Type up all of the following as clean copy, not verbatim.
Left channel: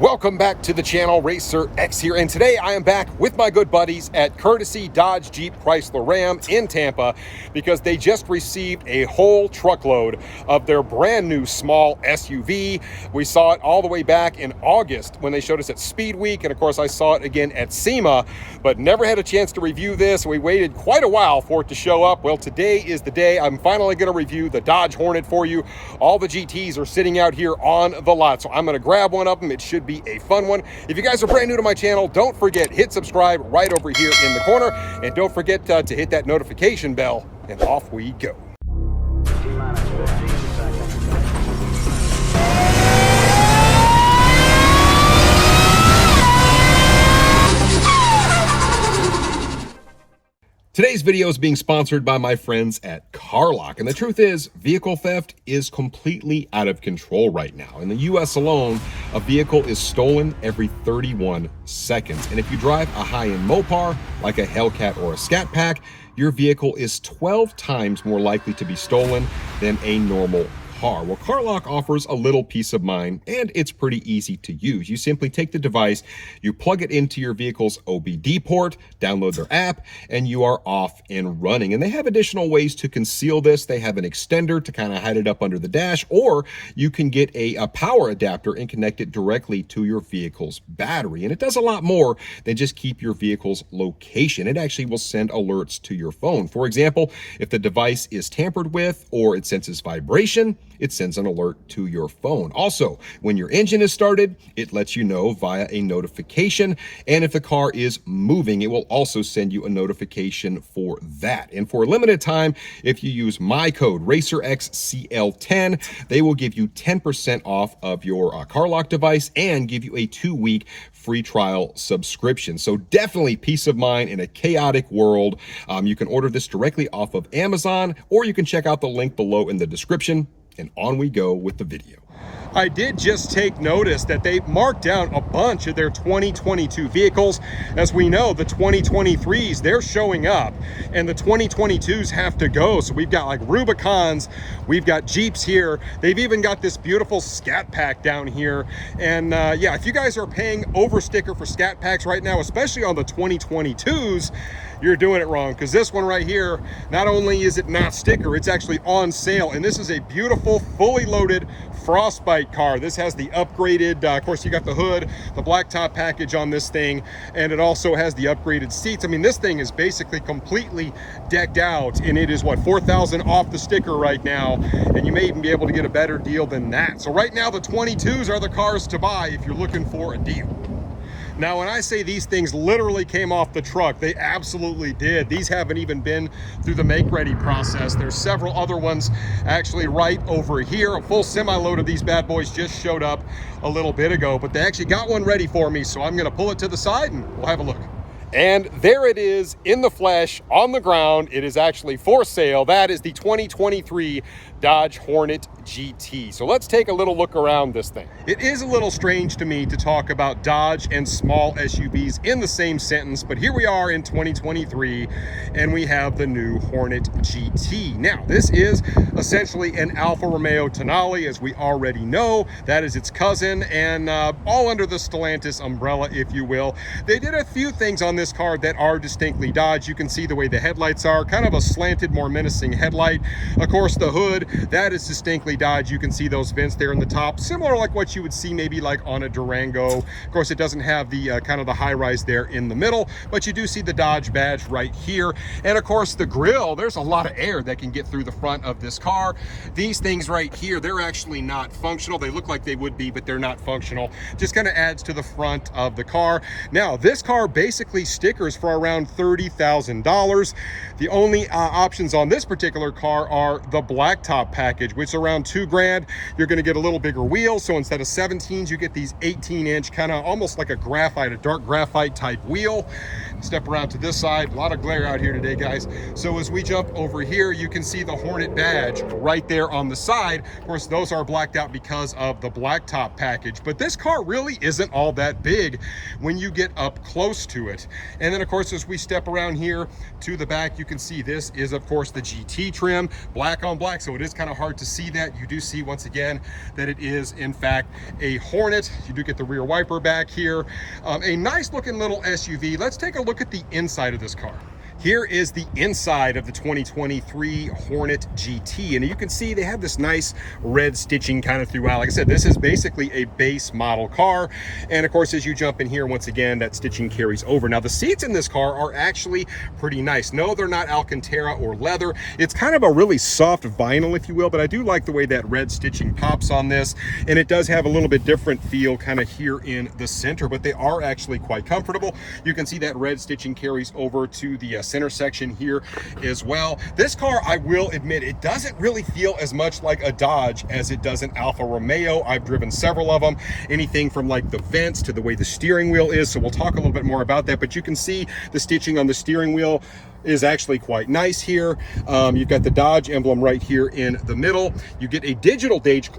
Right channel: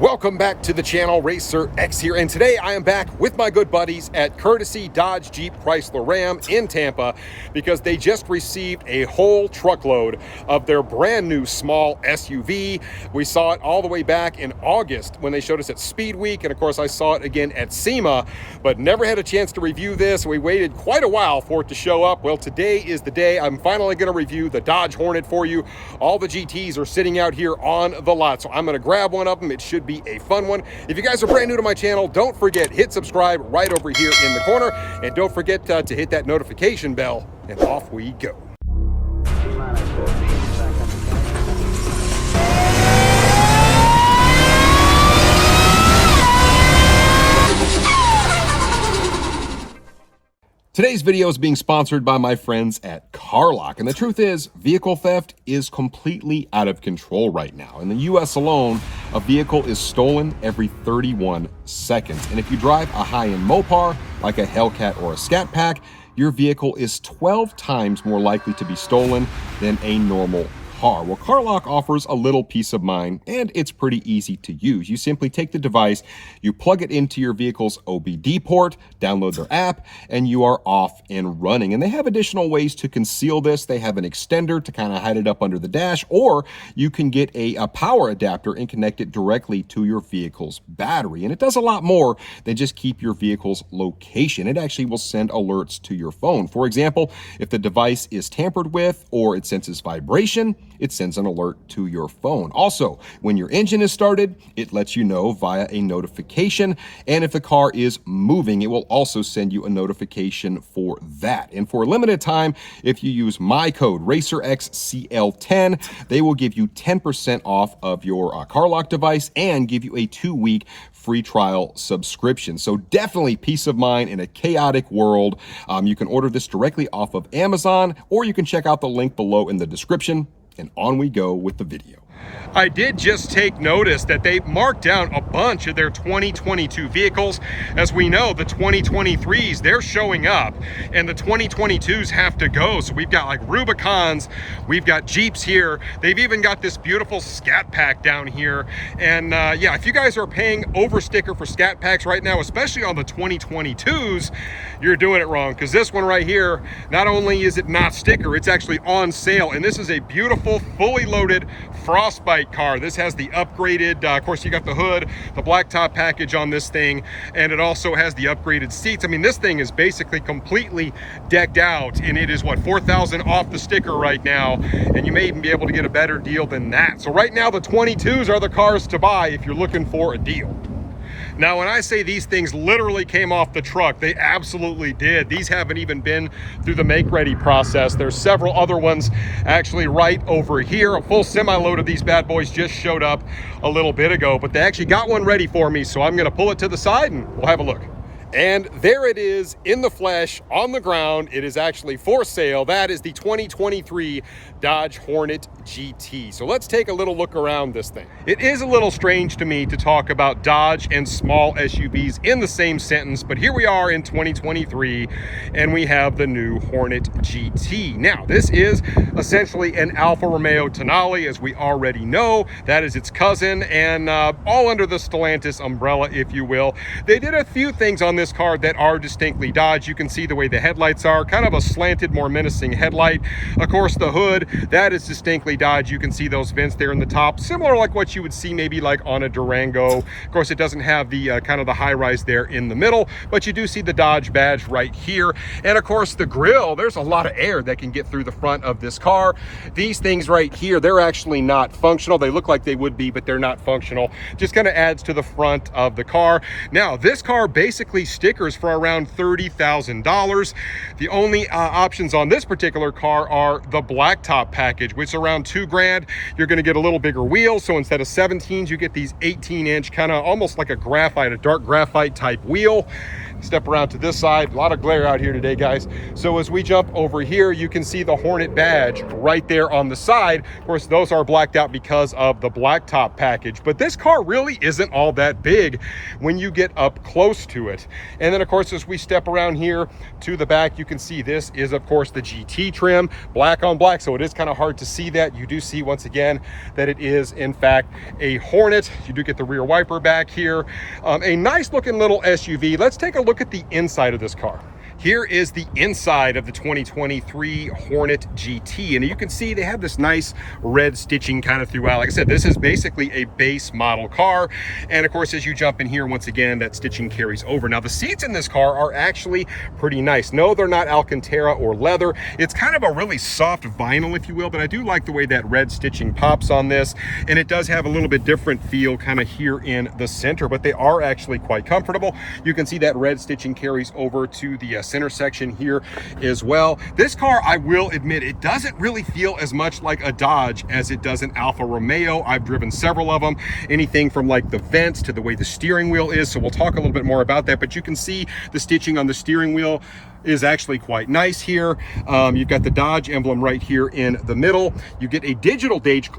Welcome back to the channel. Racer X here, and today I am back with my good buddies at Courtesy Dodge Jeep Chrysler Ram in Tampa because they just received a whole truckload of their brand new small SUV. We saw it all the way back in August when they showed us at Speed Week, and of course I saw it again at SEMA, but never had a chance to review this. We waited quite a while for it to show up. Well, today is the day. I'm finally going to review the Dodge Hornet for you. All the GTs are sitting out here on the lot, so I'm going to grab one of them. It should be a fun one. If you guys are brand new to my channel, don't forget, hit subscribe right over here in the corner, and don't forget to hit that notification bell, and off we go. T-minus 15 seconds. Today's video is being sponsored by my friends at CarLock, and the truth is, vehicle theft is completely out of control right now. In the US alone, a vehicle is stolen every 31 seconds. And if you drive a high-end Mopar, like a Hellcat or a Scat Pack, your vehicle is 12 times more likely to be stolen than a normal car. Well, CarLock offers a little peace of mind, and it's pretty easy to use. You simply take the device, you plug it into your vehicle's OBD port, download their app, and you are off and running. And they have additional ways to conceal this. They have an extender to kind of hide it up under the dash, or you can get a power adapter and connect it directly to your vehicle's battery. And it does a lot more than just keep your vehicle's location. It actually will send alerts to your phone. For example, if the device is tampered with or it senses vibration, it sends an alert to your phone. Also, when your engine is started, it lets you know via a notification. And if the car is moving, it will also send you a notification for that. And for a limited time, if you use my code RacerXCL10, they will give you 10% off of your CarLock device and give you a 2-week free trial subscription. So definitely peace of mind in a chaotic world. You can order this directly off of Amazon, or you can check out the link below in the description. And on we go with the video. I did just take notice that they marked down a bunch of their 2022 vehicles. As we know, the 2023s, they're showing up, and the 2022s have to go. So we've got like Rubicons, we've got Jeeps here. They've even got this beautiful Scat Pack down here. And yeah, if you guys are paying over sticker for Scat Packs right now, especially on the 2022s, you're doing it wrong, because this one right here, not only is it not sticker, it's actually on sale. And this is a beautiful, fully loaded Frostbite car. This has the upgraded, of course, you got the hood, the blacktop package on this thing, and it also has the upgraded seats. I mean, this thing is basically completely decked out, and it is, what, $4,000 off the sticker right now, and you may even be able to get a better deal than that. So right now, the 22s are the cars to buy if you're looking for a deal. Now, when I say these things literally came off the truck, they absolutely did. These haven't even been through the make-ready process. There's several other ones actually right over here. A full semi-load of these bad boys just showed up a little bit ago, but they actually got one ready for me, so I'm gonna pull it to the side and we'll have a look. And there it is in the flesh on the ground. It is actually for sale. That is the 2023 Dodge Hornet GT. So let's take a little look around this thing. It is a little strange to me to talk about Dodge and small SUVs in the same sentence, but here we are in 2023 and we have the new Hornet GT. Now, this is essentially an Alfa Romeo Tonale, as we already know. That is its cousin, and all under the Stellantis umbrella, if you will. They did a few things on this car that are distinctly Dodge. You can see the way the headlights are, kind of a slanted, more menacing headlight. Of course, the hood, that is distinctly Dodge. You can see those vents there in the top, similar like what you would see maybe like on a Durango. Of course, it doesn't have the kind of the high rise there in the middle, but you do see the Dodge badge right here. And of course, the grille, there's a lot of air that can get through the front of this car. These things right here, they're actually not functional. They look like they would be, but they're not functional. Just kind of adds to the front of the car. Now, this car basically stickers for around $30,000. The only options on this particular car are the blacktop package, which is around $2,000. You're going to get a little bigger wheel, so instead of 17s, you get these 18-inch, kind of almost like a graphite, a dark graphite type wheel. Step around to this side. A lot of glare out here today, guys. So as we jump over here, you can see the Hornet badge right there on the side. Of course, those are blacked out because of the blacktop package, but this car really isn't all that big when you get up close to it. And then of course, as we step around here to the back, you can see this is of course the GT trim, black on black, so it is kind of hard to see that. You do see once again that it is in fact a Hornet. You do get the rear wiper back here. A nice looking little SUV. Let's take a look at the inside of this car. Here is the inside of the 2023 Hornet GT, and you can see they have this nice red stitching kind of throughout. Like I said, this is basically a base model car, and of course as you jump in here, once again that stitching carries over. Now the seats in this car are actually pretty nice. No, they're not Alcantara or leather. It's kind of a really soft vinyl, if you will, but I do like the way that red stitching pops on this, and it does have a little bit different feel kind of here in the center, but they are actually quite comfortable. You can see that red stitching carries over to the center section here as well. This car, I will admit, it doesn't really feel as much like a Dodge as it does an Alfa Romeo. I've driven several of them, anything from like the vents to the way the steering wheel is, so we'll talk a little bit more about that, but you can see the stitching on the steering wheel is actually quite nice here. You've got the Dodge emblem right here in the middle. You get a digital gauge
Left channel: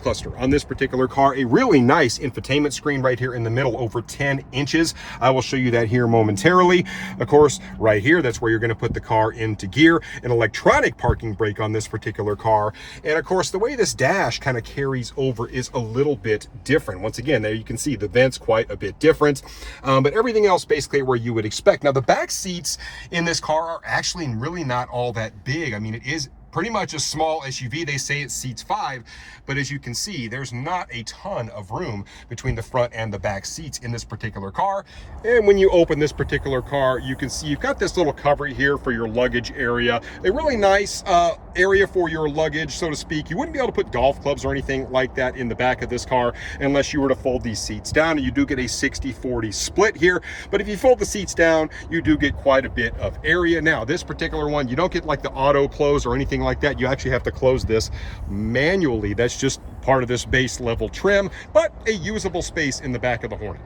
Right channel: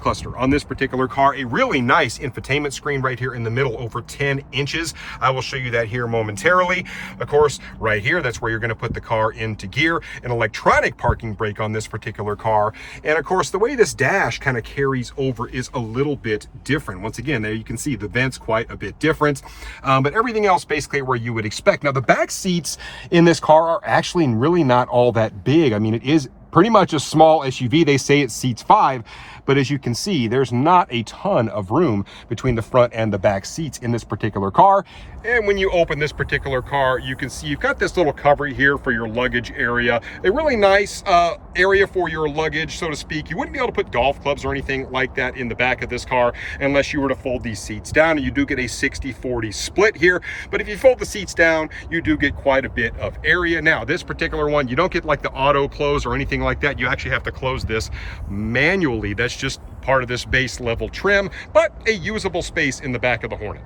cluster on this particular car, a really nice infotainment screen right here in the middle, over 10 inches. I will show you that here momentarily. Of course, right here, that's where you're going to put the car into gear. An electronic parking brake on this particular car. And of course, the way this dash kind of carries over is a little bit different. Once again, there you can see the vents quite a bit different, but everything else basically where you would expect. Now, the back seats in this car are actually really not all that big. I mean, it is pretty much a small SUV. They say it seats 5, but as you can see, there's not a ton of room between the front and the back seats in this particular car. And when you open this particular car, you can see you've got this little cover here for your luggage area. A really nice area for your luggage, so to speak. You wouldn't be able to put golf clubs or anything like that in the back of this car unless you were to fold these seats down. You do get a 60-40 split here, but if you fold the seats down, you do get quite a bit of area. Now, this particular one, you don't get like the auto close or anything like that. You actually have to close this manually. That's just part of this base level trim, but a usable space in the back of the Hornet.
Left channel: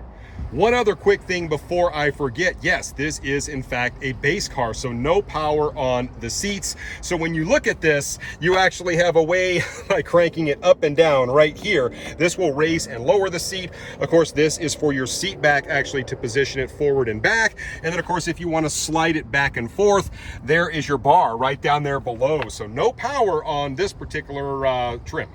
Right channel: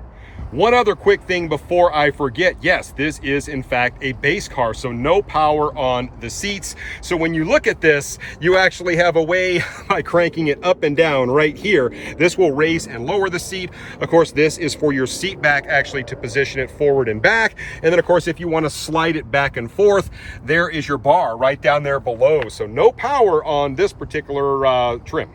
One other quick thing before I forget, yes, this is in fact a base car, so no power on the seats. So when you look at this, you actually have a way by cranking it up and down right here. This will raise and lower the seat. Of course, this is for your seat back actually to position it forward and back. And then of course, if you want to slide it back and forth, there is your bar right down there below. So no power on this particular trim.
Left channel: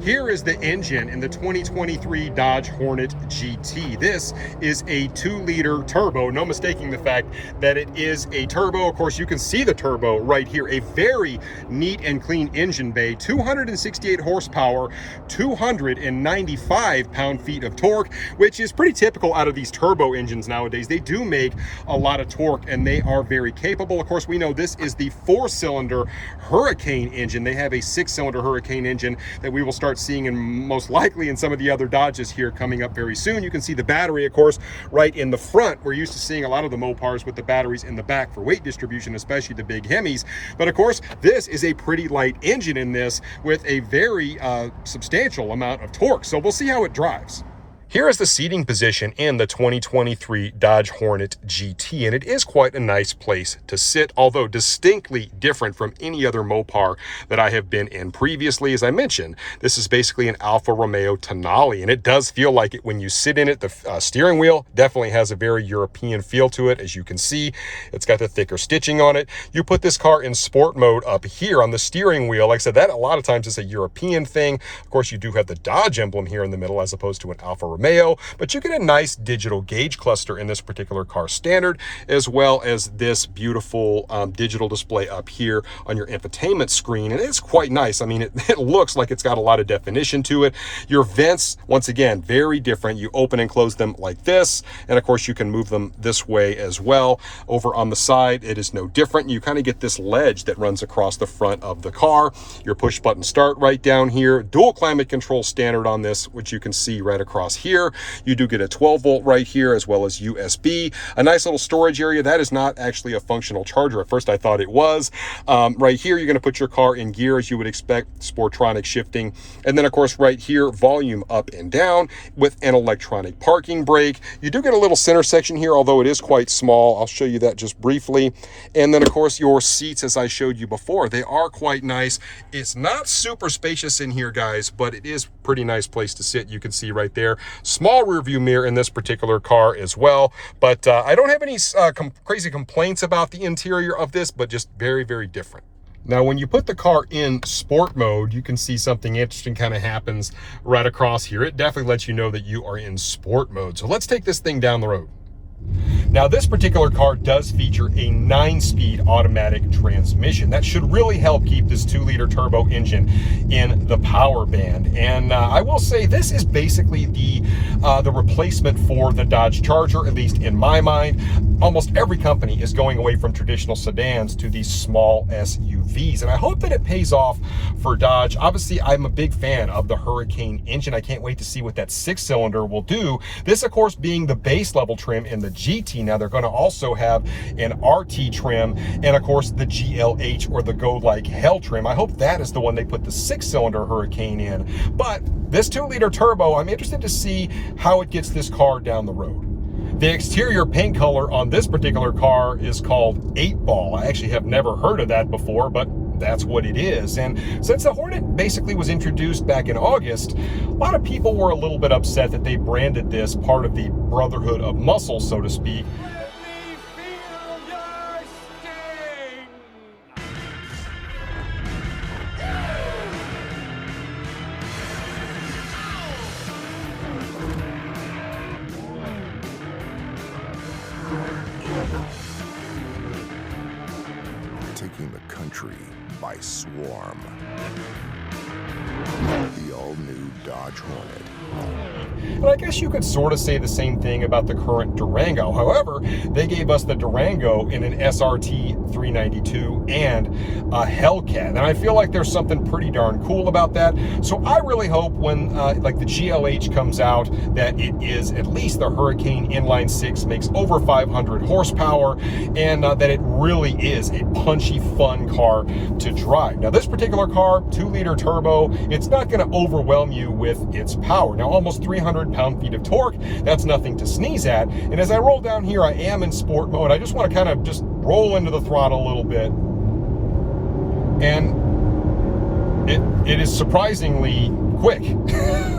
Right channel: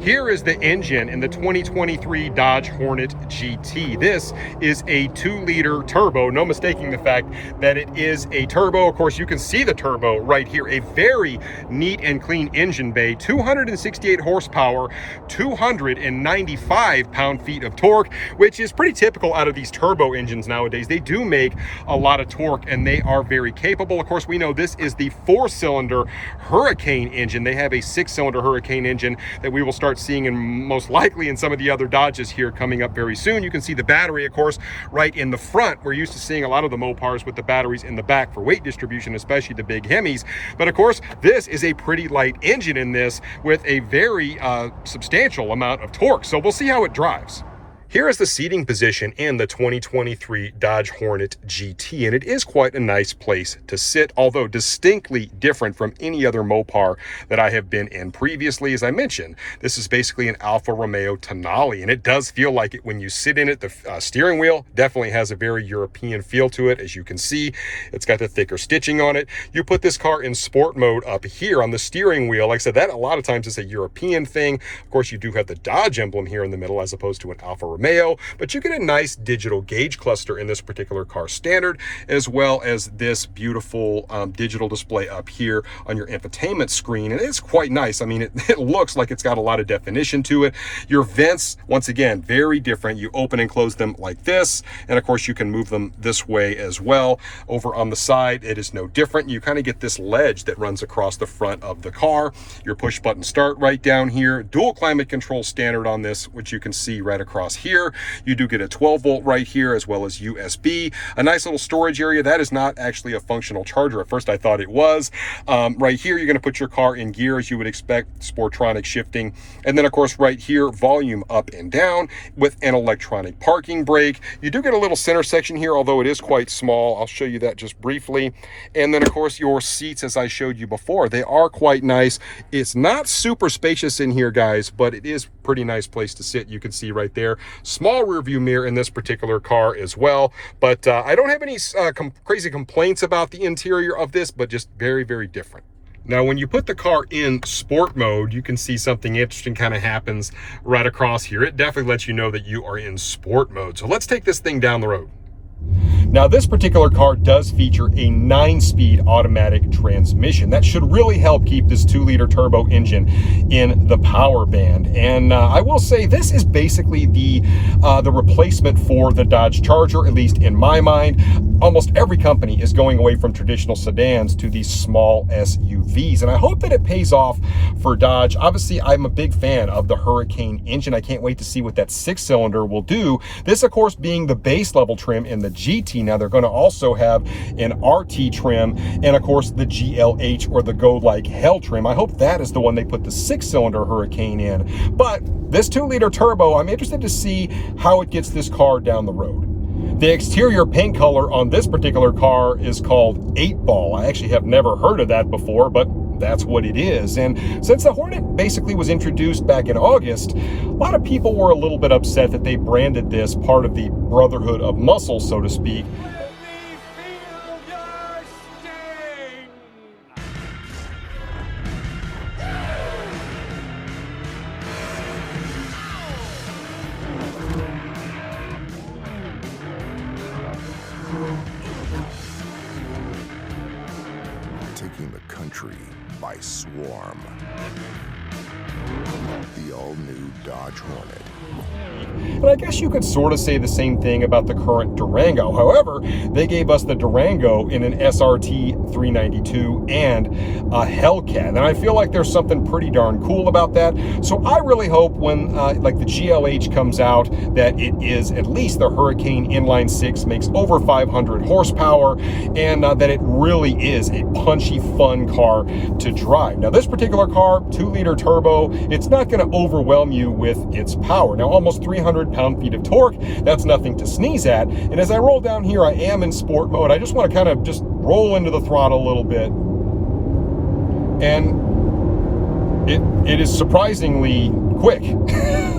Here is the engine in the 2023 Dodge Hornet GT. This is a 2-liter turbo, no mistaking the fact that it is a turbo. Of course, you can see the turbo right here. A very neat and clean engine bay, 268 horsepower, 295 pound-feet of torque, which is pretty typical out of these turbo engines nowadays. They do make a lot of torque and they are very capable. Of course, we know this is the 4-cylinder Hurricane engine. They have a 6-cylinder Hurricane engine that we will start seeing in most likely in some of the other Dodges here coming up very soon. You can see the battery, of course, right in the front. We're used to seeing a lot of the Mopars with the batteries in the back for weight distribution, especially the big Hemis. But of course, this is a pretty light engine in this with a very substantial amount of torque. So we'll see how it drives. Here is the seating position in the 2023 Dodge Hornet GT, and it is quite a nice place to sit, although distinctly different from any other Mopar that I have been in previously. As I mentioned, this is basically an Alfa Romeo Tonale, and it does feel like it when you sit in it. The steering wheel definitely has a very European feel to it. As you can see, it's got the thicker stitching on it. You put this car in sport mode up here on the steering wheel. Like I said, that a lot of times is a European thing. Of course, you do have the Dodge emblem here in the middle as opposed to an Alfa Romeo. But you get a nice digital gauge cluster in this particular car standard, as well as this beautiful digital display up here on your infotainment screen. And it's quite nice. I mean, it looks like it's got a lot of definition to it. Your vents, once again, very different. You open and close them like this. And of course, you can move them this way as well. Over on the side, it is no different. You kind of get this ledge that runs across the front of the car. Your push button start right down here. Dual climate control standard on this, which you can see right across here. You do get a 12-volt right here, as well as USB. A nice little storage area. That is not actually a functional charger. At first, I thought it was. Right here, you're going to put your car in gear, as you would expect, Sportronic shifting. And then, of course, right here, volume up and down with an electronic parking brake. You do get a little center section here, although it is quite small. I'll show you that just briefly. And then, of course, your seats, as I showed you before, they are quite nice. It's not super spacious in here, guys, but it is pretty pretty nice place to sit. You can see right there. Small rear view mirror in this particular car as well. But I don't have any crazy complaints about the interior of this, but just very, very different. Now, when you put the car in sport mode, you can see something interesting kind of happens right across here. It definitely lets you know that you are in sport mode. So let's take this thing down the road. Now, this particular car does feature a 9-speed automatic transmission. That should really help keep this 2-liter turbo engine in the power band. And I will say this is basically the replacement for the Dodge Charger, at least in my mind. Almost every company is going away from traditional sedans to these small SUVs, and I hope that it pays off for Dodge. Obviously, I'm a big fan of the Hurricane engine. I can't wait to see what that 6-cylinder will do. This, of course, being the base level trim in the GT. Now, they're going to also have an RT trim and, of course, the GLH, or the Go Like Hell trim. I hope that is the one they put the 6-cylinder Hurricane in. But this 2-liter turbo, I'm interested to see how it gets this car down the road. The exterior paint color on this particular car is called 8-ball. I actually have never heard of that before, but that's what it is. And since the Hornet basically was introduced back in August, a lot of people were a little bit upset that they branded this part of the Brotherhood of Muscle, so to speak. Let me feel your sting! Taking the country by swarm. The all-new Dodge Hornet. And I guess you could sort of say the same thing about the current Durango. However, they gave us the Durango in an SRT 392 and a Hellcat. And I feel like there's something pretty darn cool about that. So I really hope when like the GLH comes out that it is at least the Hurricane Inline 6, makes over 500 horsepower, and that it really is a punchy, fun car to drive. Now, this particular car, 2-liter turbo, it's not going to overwhelm you with its power. Now, almost 300 pound-feet of torque, that's nothing to sneeze at. And as I roll down here, I am in sport mode. I just want to kind of just roll into the throttle a little bit. And it is surprisingly quick.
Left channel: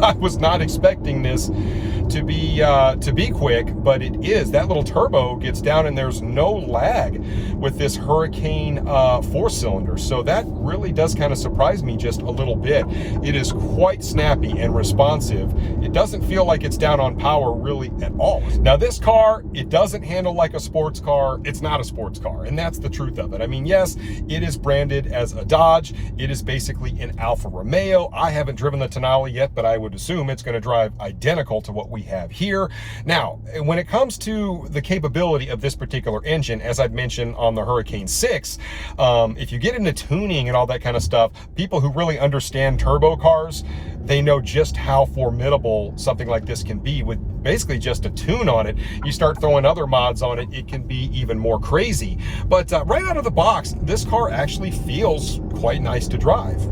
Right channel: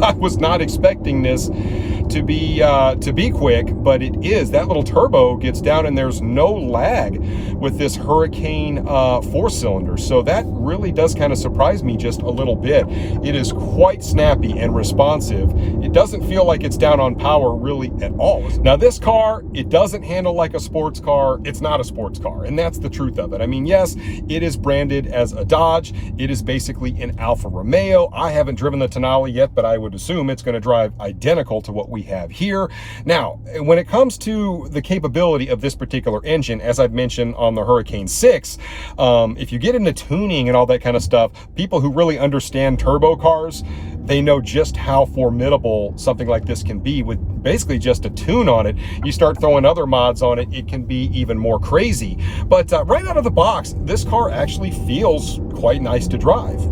I was not expecting this to be quick, but it is. That little turbo gets down and there's no lag with this Hurricane 4-cylinder. So that really does kind of surprise me just a little bit. It is quite snappy and responsive. It doesn't feel like it's down on power really at all. Now, this car, it doesn't handle like a sports car. It's not a sports car, and that's the truth of it. I mean, yes, it is branded as a Dodge. It is basically an Alfa Romeo. I haven't driven the Tonale yet, but I would assume it's going to drive identical to what we have here. Now, when it comes to the capability of this particular engine, as I've mentioned on the Hurricane 6, if you get into tuning and all that kind of stuff, people who really understand turbo cars, they know just how formidable something like this can be with basically just a tune on it. You start throwing other mods on it, it can be even more crazy. But right out of the box, this car actually feels quite nice to drive.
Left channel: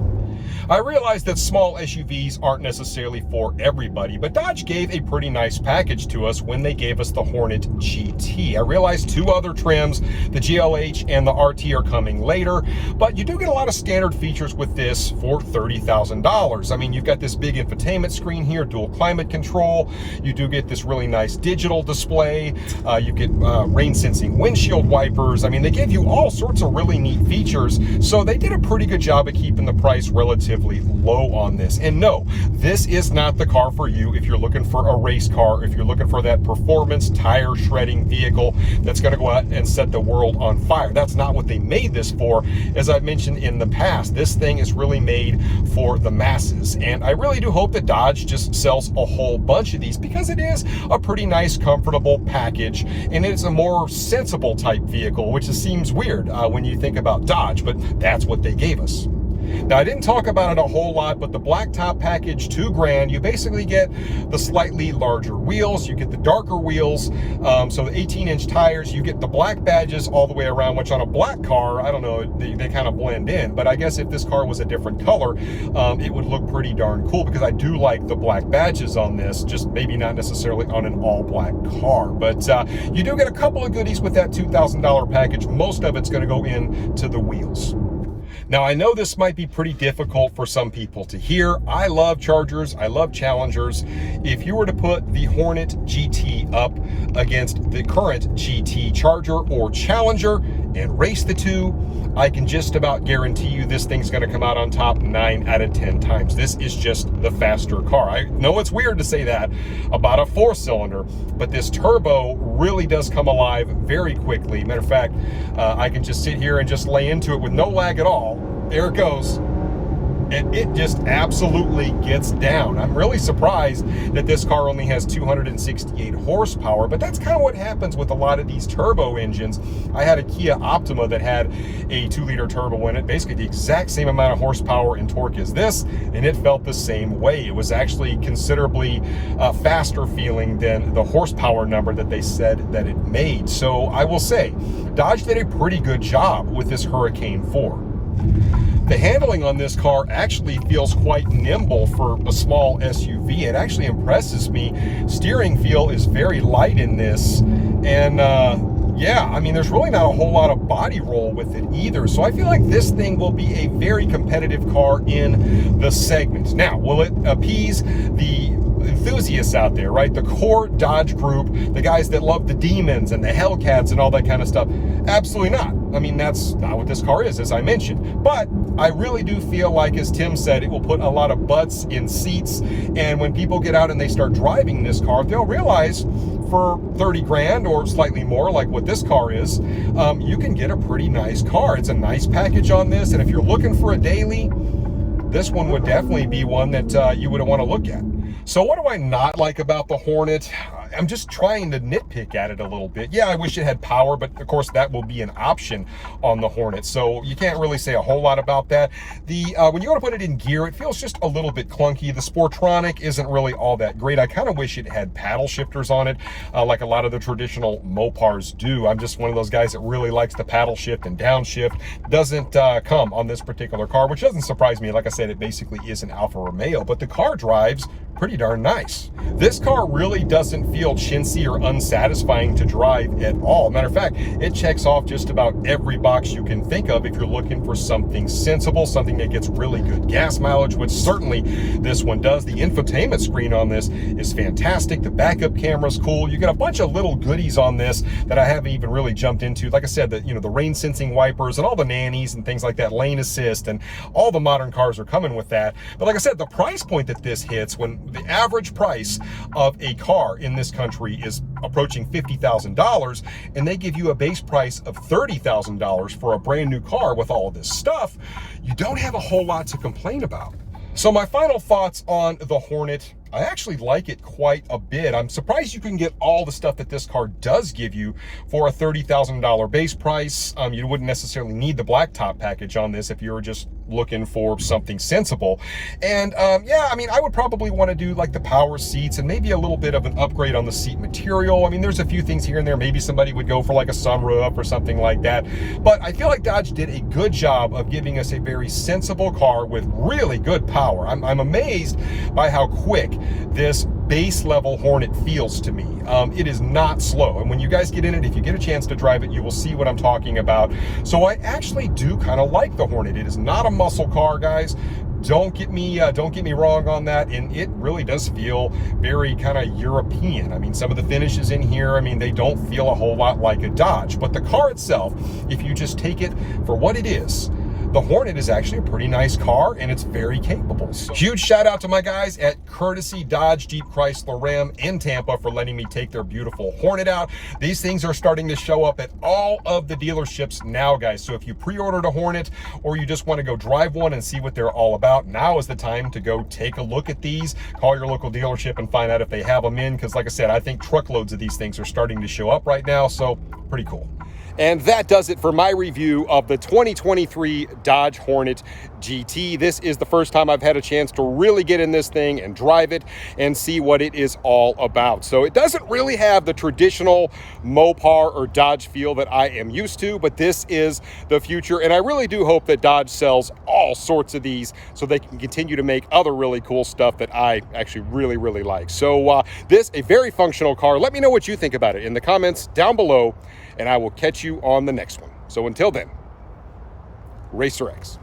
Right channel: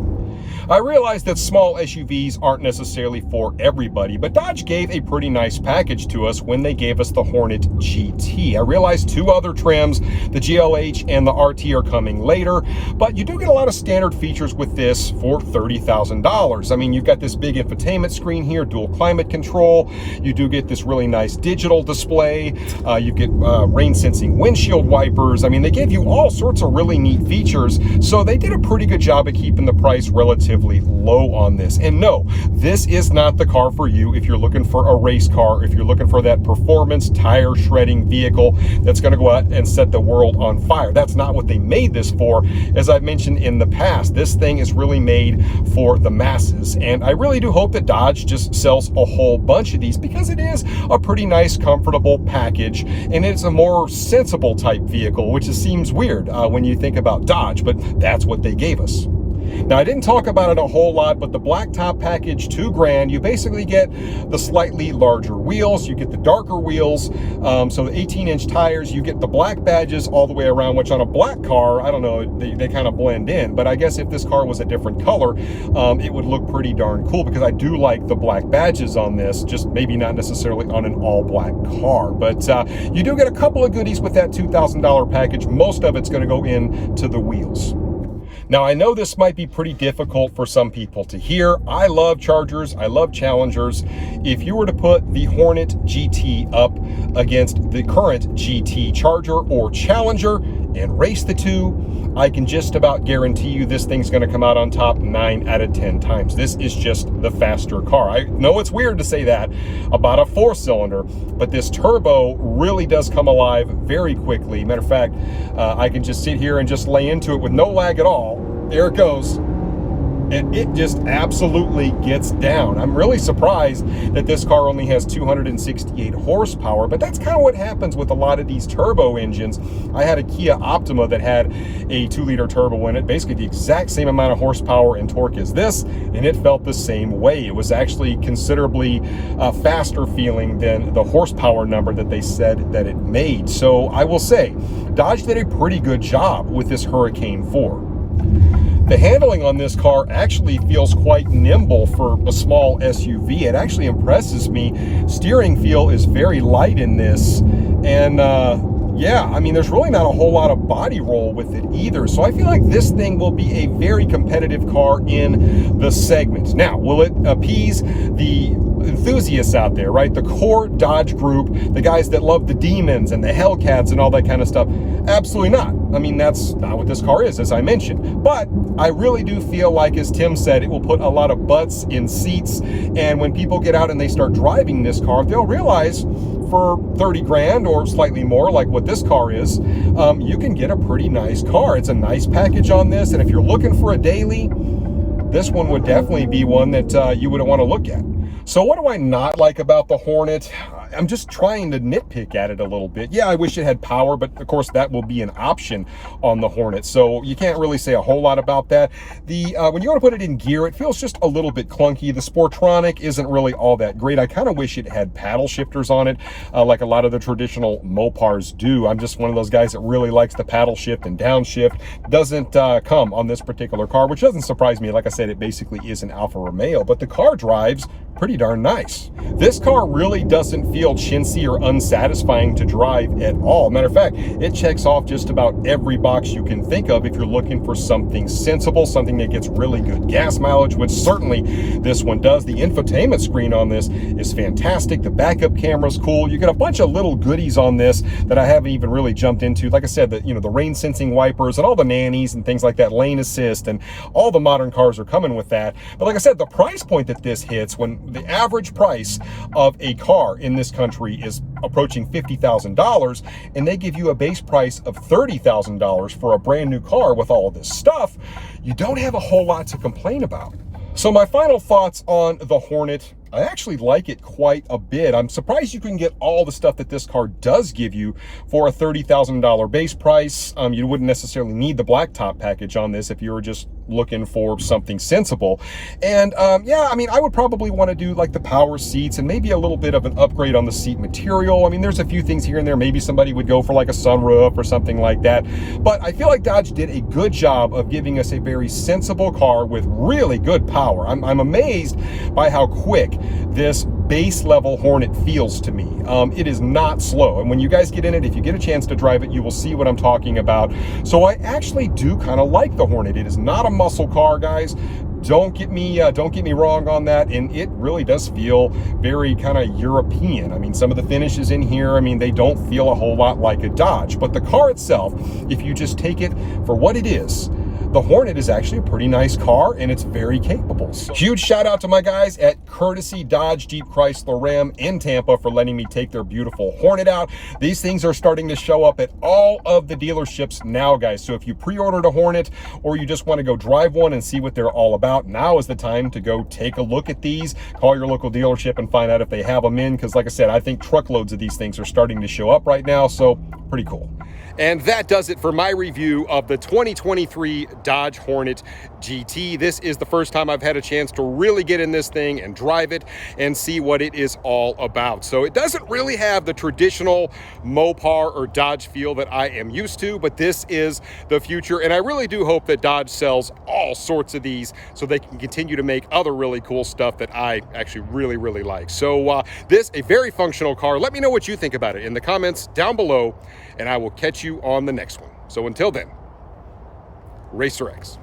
I realize that small SUVs aren't necessarily for everybody, but Dodge gave a pretty nice package to us when they gave us the Hornet GT. I realize 2 other trims, the GLH and the RT, are coming later, but you do get a lot of standard features with this for $30,000. I mean, you've got this big infotainment screen here, dual climate control. You do get this really nice digital display. You get rain sensing windshield wipers. I mean, they gave you all sorts of really neat features, so they did a pretty good job of keeping the price relatively low on this. And no, this is not the car for you if you're looking for a race car, if you're looking for that performance tire shredding vehicle that's going to go out and set the world on fire. That's not what they made this for. As I've mentioned in the past, this thing is really made for the masses, and I really do hope that Dodge just sells a whole bunch of these, because it is a pretty nice, comfortable package, and it's a more sensible type vehicle, which seems weird when you think about Dodge, but that's what they gave us. Now, I didn't talk about it a whole lot, but the blacktop package, $2,000, you basically get the slightly larger wheels, you get the darker wheels, so the 18-inch tires, you get the black badges all the way around, which on a black car, I don't know, they kind of blend in, but I guess if this car was a different color, it would look pretty darn cool, because I do like the black badges on this, just maybe not necessarily on an all-black car. But you do get a couple of goodies with that $2,000 package. Most of it's going to go into the wheels. Now, I know this might be pretty difficult for some people to hear. I love Chargers. I love Challengers. If you were to put the Hornet GT up against the current GT Charger or Challenger and race the two, I can just about guarantee you this thing's going to come out on top 9 out of 10 times. This is just the faster car. I know it's weird to say that about a 4-cylinder, but this turbo really does come alive very quickly. Matter of fact, I can just sit here and just lay into it with no lag at all. There it goes. And it just absolutely gets down. I'm really surprised that this car only has 268 horsepower, but that's kind of what happens with a lot of these turbo engines. I had a Kia Optima that had a 2-liter turbo in it, basically the exact same amount of horsepower and torque as this, and it felt the same way. It was actually considerably faster feeling than the horsepower number that they said that it made. So I will say, Dodge did a pretty good job with this Hurricane 4. The handling on this car actually feels quite nimble for a small SUV. It actually impresses me. Steering feel is very light in this. And yeah, I mean, there's really not a whole lot of body roll with it either. So I feel like this thing will be a very competitive car in the segment. Now, will it appease the enthusiasts out there, right? The core Dodge group, the guys that love the Demons and the Hellcats and all that kind of stuff? Absolutely not. I mean, that's not what this car is, as I mentioned. But I really do feel like, as Tim said, it will put a lot of butts in seats. And when people get out and they start driving this car, they'll realize for 30 grand or slightly more, like what this car is, you can get a pretty nice car. It's a nice package on this. And if you're looking for a daily, this one would definitely be one that you would want to look at. So what do I not like about the Hornet? I'm just trying to nitpick at it a little bit. Yeah, I wish it had power, but of course that will be an option on the Hornet, so you can't really say a whole lot about that. When you want to put it in gear, it feels just a little bit clunky. The Sportronic isn't really all that great. I kind of wish it had paddle shifters on it, like a lot of the traditional Mopars do. I'm just one of those guys that really likes the paddle shift and downshift. Doesn't come on this particular car, which doesn't surprise me. Like I said, it basically is an Alfa Romeo, but the car drives pretty darn nice. This car really doesn't feel chintzy or unsatisfying to drive at all. Matter of fact, it checks off just about every box you can think of if you're looking for something sensible, something that gets really good gas mileage, which certainly this one does. The infotainment screen on this is fantastic. The backup camera's cool. You get a bunch of little goodies on this that I haven't even really jumped into. Like I said, the rain sensing wipers and all the nannies and things like that, lane assist, and all the modern cars are coming with that. But like I said, the price point that this hits, when the average price of a car in this country is approaching $50,000, and they give you a base price of $30,000 for a brand new car with all of this stuff, you don't have a whole lot to complain about. So my final thoughts on the Hornet: I actually like it quite a bit. I'm surprised you can get all the stuff that this car does give you for a $30,000 base price. You wouldn't necessarily need the blacktop package on this if you were just looking for something sensible. And yeah, I mean, I would probably want to do like the power seats and maybe a little bit of an upgrade on the seat material. I mean, there's a few things here and there. Maybe somebody would go for like a sunroof or something like that. But I feel like Dodge did a good job of giving us a very sensible car with really good power. I'm amazed by how quick this base level Hornet feels to me. It is not slow, and when you guys get in it, if you get a chance to drive it, you will see what I'm talking about. So I actually do kind of like the Hornet. It is not a muscle car, guys. Don't get me wrong on that, and it really does feel very kind of European. I mean, some of the finishes in here, I mean, they don't feel a whole lot like a Dodge, but the car itself, if you just take it for what it is, the Hornet is actually a pretty nice car, and it's very capable. So, huge shout out to my guys at Courtesy Dodge Jeep Chrysler Ram in Tampa for letting me take their beautiful Hornet out. These things are starting to show up at all of the dealerships now, guys. So if you pre-ordered a Hornet, or you just want to go drive one and see what they're all about, now is the time to go take a look at these. Call your local dealership and find out if they have them in, because like I said, I think truckloads of these things are starting to show up right now. So pretty cool. And that does it for my review of the 2023 Dodge Hornet GT. This is the first time I've had a chance to really get in this thing and drive it and see what it is all about. So it doesn't really have the traditional Mopar or Dodge feel that I am used to, but this is the future. And I really do hope that Dodge sells all sorts of these so they can continue to make other really cool stuff that I actually really, really like. So this, a very functional car. Let me know what you think about it in the comments down below, and I will catch you on the next one. So until then, Racer X.